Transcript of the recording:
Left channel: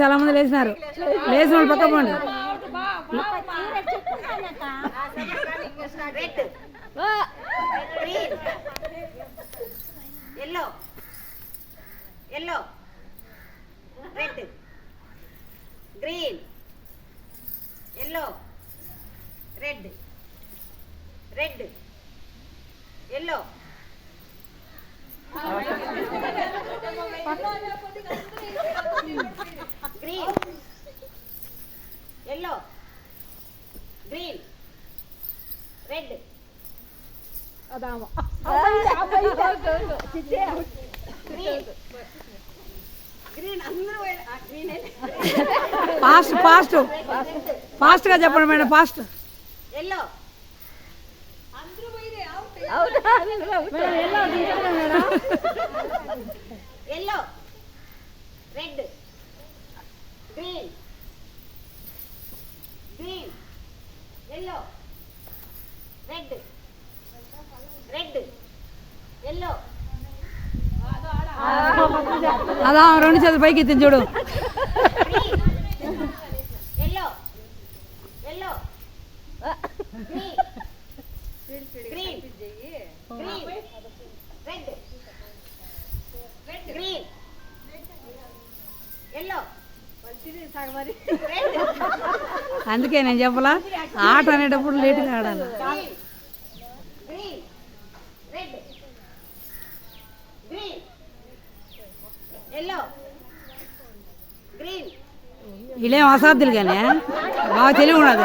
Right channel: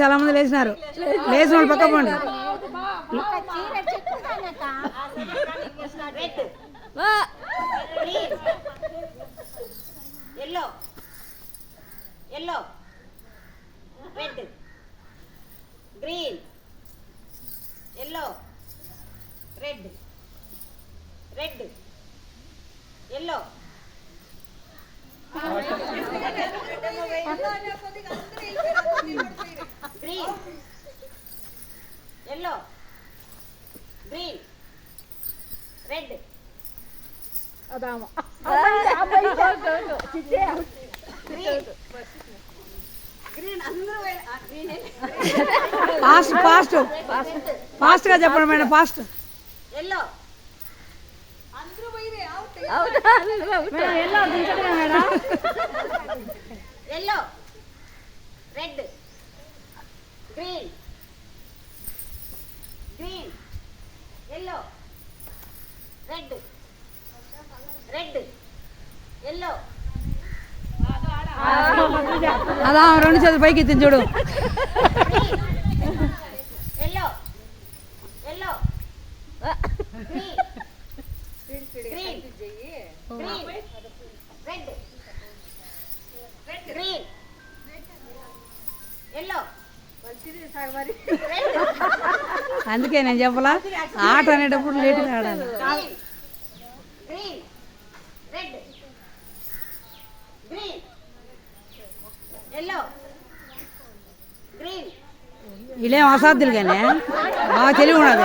చాలా మంది లేచినారు. లేచిన వాళ్ళు పక్క పోండి. Yellow yellow red green yellow red red yellow green yellow green red green అందరూ ఫాస్ట్ ఫాస్ట్ ఫాస్ట్గా చెప్పండి madam, fast. Yellow yellow red green green yellow red red yellow అదా 2 చేతులు పైకి ఎత్తింది చూడు. Yellow yellow green green green red green yellow అందుకే నేను చెప్పలా, ఆట అనేటప్పుడు లేటుగా ఆడాలి. Green red green yellow green వీళ్ళేం అసాధ్యులు కానీ బాగా తెలివి ఉన్నది.